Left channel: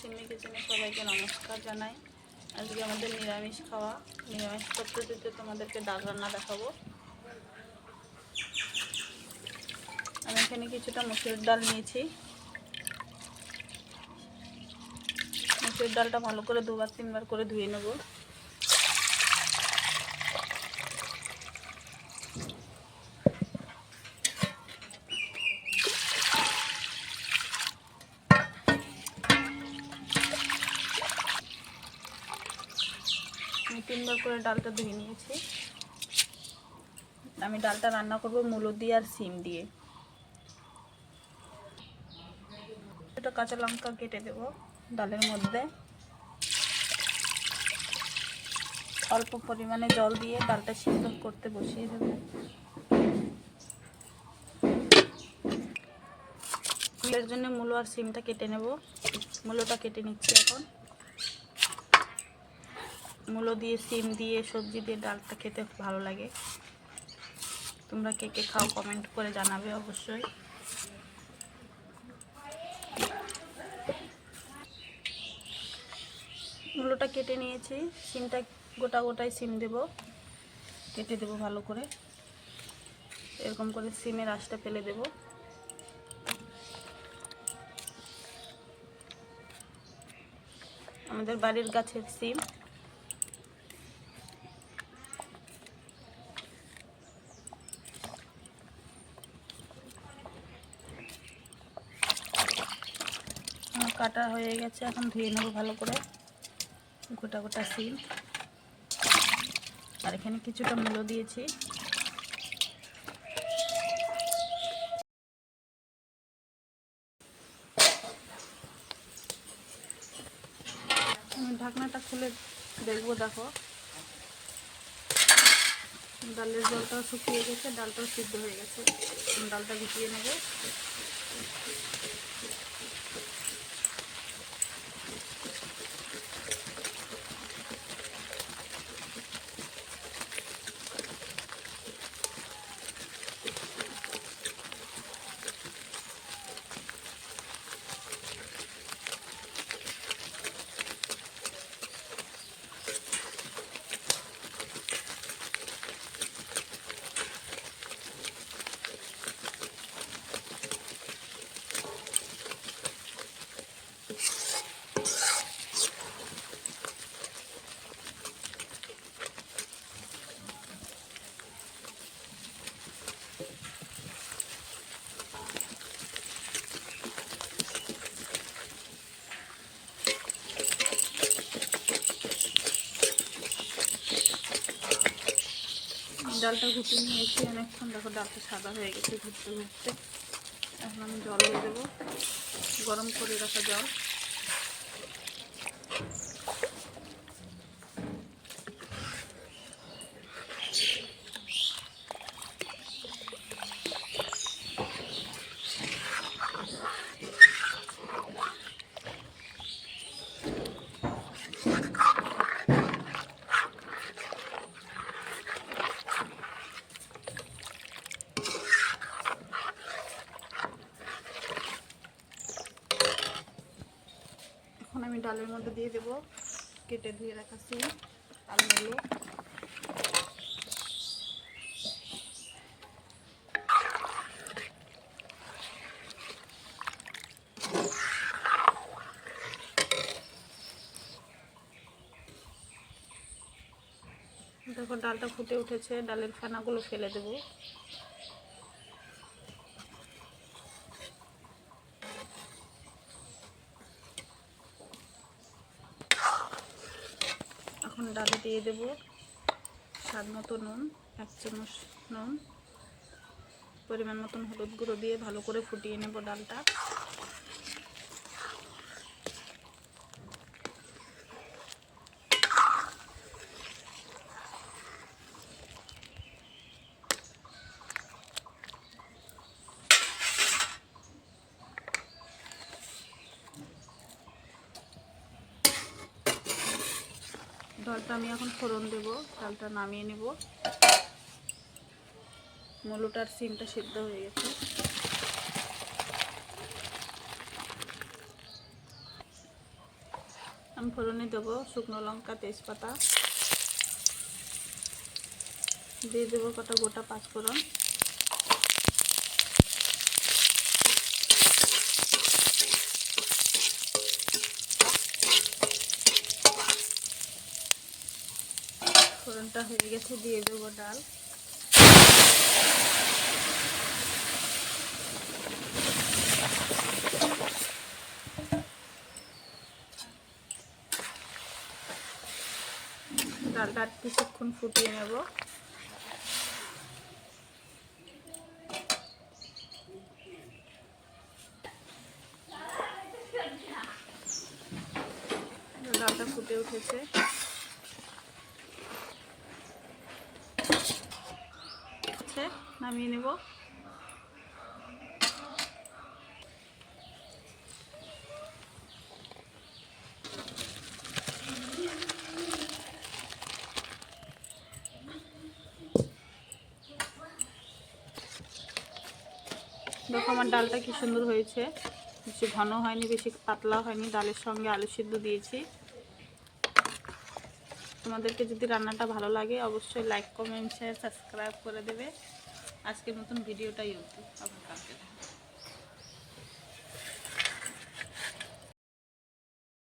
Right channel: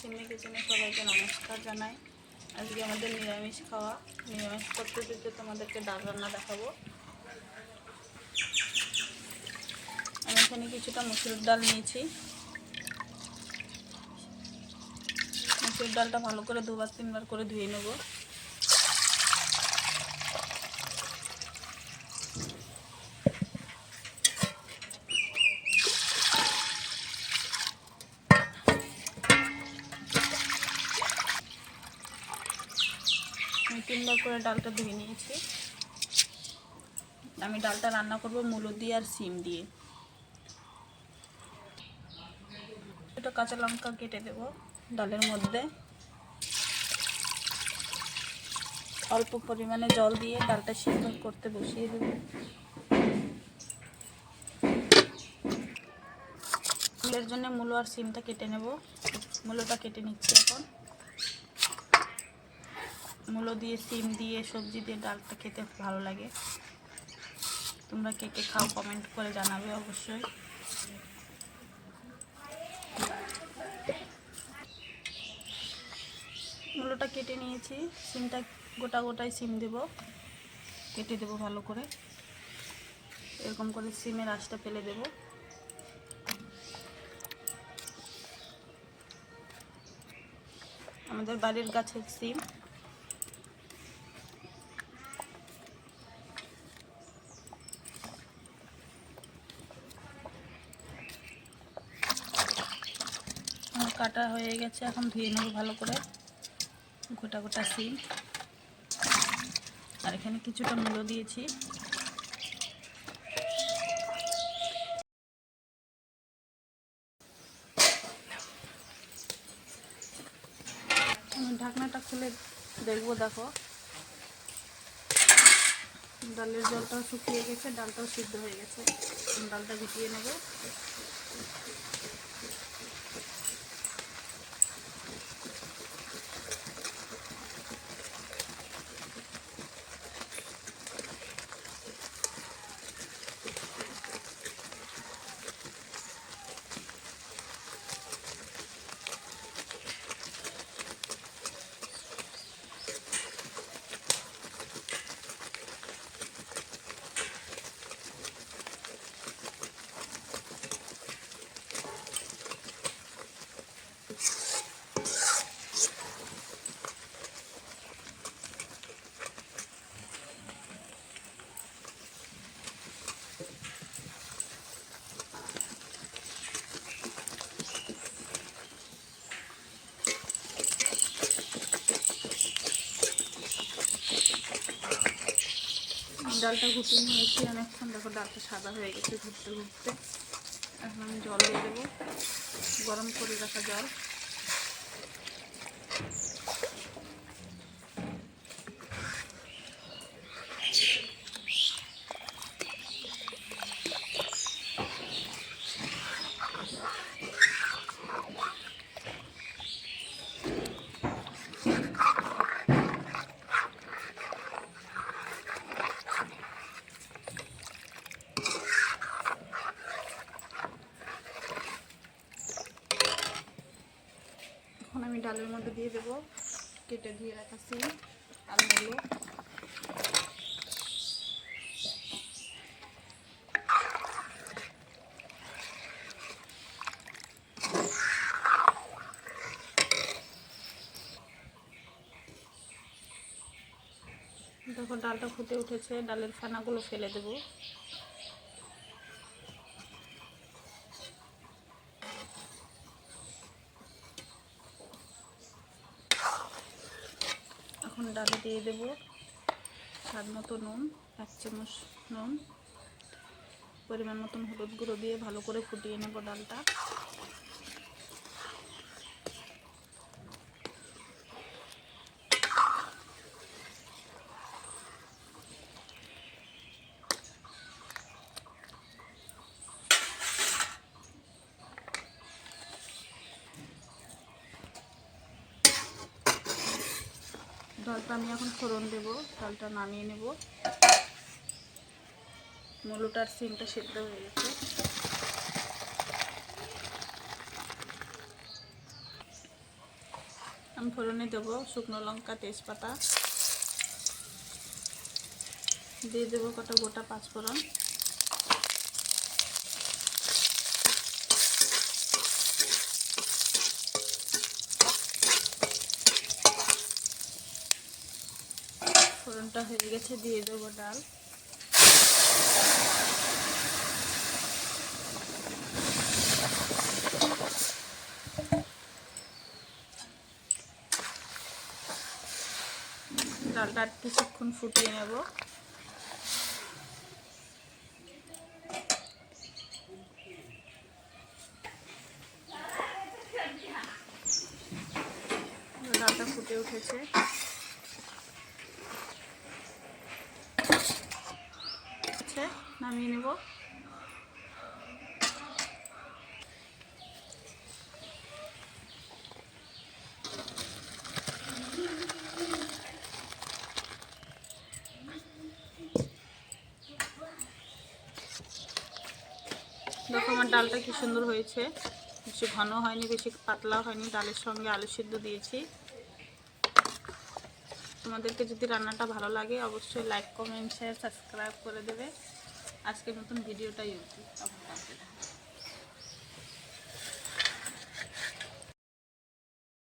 সিন্নি কিচেনে সবাইকে নমস্কার জানাই। আজকে আমাদের নিরামিষ খাওয়া। নিরামিষ পদ্ধতিতে তোমাদেরকে ডাল রান্না দেখাবো। আমি এখানে কিছুটা মসুর ডাল নিয়েছি। মসুর ডালটা ভালো করে 2-3 বার করে ধুয়ে নেব। আমি 3বার করে ডালটা ধুয়ে নিয়েছি। আমি ডালটা রান্না করব মূলো দিয়ে আর সিম দিয়ে। একটা কাঁচা লঙ্কা কেটে দেব ডালের মধ্যে। অল্প পরিমাণে জল দিয়ে ডালটা সিদ্ধ করতে বসিয়ে দেব। এর জন্য মূলো আর সিমটা কেটে নেব। মূলোটা কেটে নিচ্ছি এখন। মূলো দিয়ে সিম দিয়ে সবজি দিয়ে ডালটা খেতে ভালো লাগে। তোমরা কে কে খাও কমেন্ট করে জানাবে অবশ্যই। মূলোটা কেটে নিয়েছি। সিমটা গোটা গোটাই সিম দেব, কেটে দেব ভালো করে। এরকম করে সিমের আঁশটা ফেলে দেব। আমাদের বাড়ির গাছের সিম। কাটা হয়ে গেছে, এখন ধুয়ে নেব ভালো করে গোটা গোটা সিম। আর এখানে কিছুটা মূলো দিয়েছি। আমি ঢাকনাটা খুলে দেখবো। দেখো ডালের জলটাও শুকিয়ে গেছে, ডালটাও সিদ্ধ হয়ে গেছে। ডালটা গুটিয়ে নেব। ডালটা ঘুটে নিয়েছি অনেকক্ষণ। দেখো ডালটা সাদা হয়ে গেছে ঘুরতে ঘুরতে। এখন আমি জল দিয়ে দেবো, গরম করে রাখা জল। এখন আমি ডালের মধ্যে দিয়ে দেব কেটে ধুয়ে রাখা সিম আর মূলো। দেখো ডালটা ফুটে উঠেছে, ডালের ফেনাগুলো ফেলে দেব। এখন ডালে দিয়ে দেব স্বাদ মতো নুন, 1 চামচ নুন, পরিমাণ মতন হলুদ গুঁড়ো দিয়ে ভালো করে ফুটিয়ে নেব ডালটা। ডালটা আমি এখন ফোড়ন দেব। ডালটা নামিয়ে নেব। মূলোটার সিমটা সিদ্ধ হয়ে গেছে। আমি ফোড়নে দেবো শুকনো লঙ্কা, তেজপাতা, দিয়ে দেবো কটা গোটা পাঁচফোড়ন, ফোড়নটা হয়ে গেছে, দিয়ে দেবো ডাল, ডালটা কিছুক্ষণ ফুটিয়ে নেব। ডালটা ফুটে উঠেছে, নামিয়ে নেব। দেখো আমার ডালটা কি সুন্দর হয়েছে, বেশি ঘন হয়নি, বেশি পাতলা হয়নি। ডালের সঙ্গে আলু সিদ্ধ দিয়েছি। তোমাদেরকে যদি রান্নাটা ভালো লাগে অবশ্যই লাইক, কমেন্ট, শেয়ার, সাবস্ক্রাইব করে দেবে। আজকের মতন ভিডিওটা ইউটিউব আবার কাটতে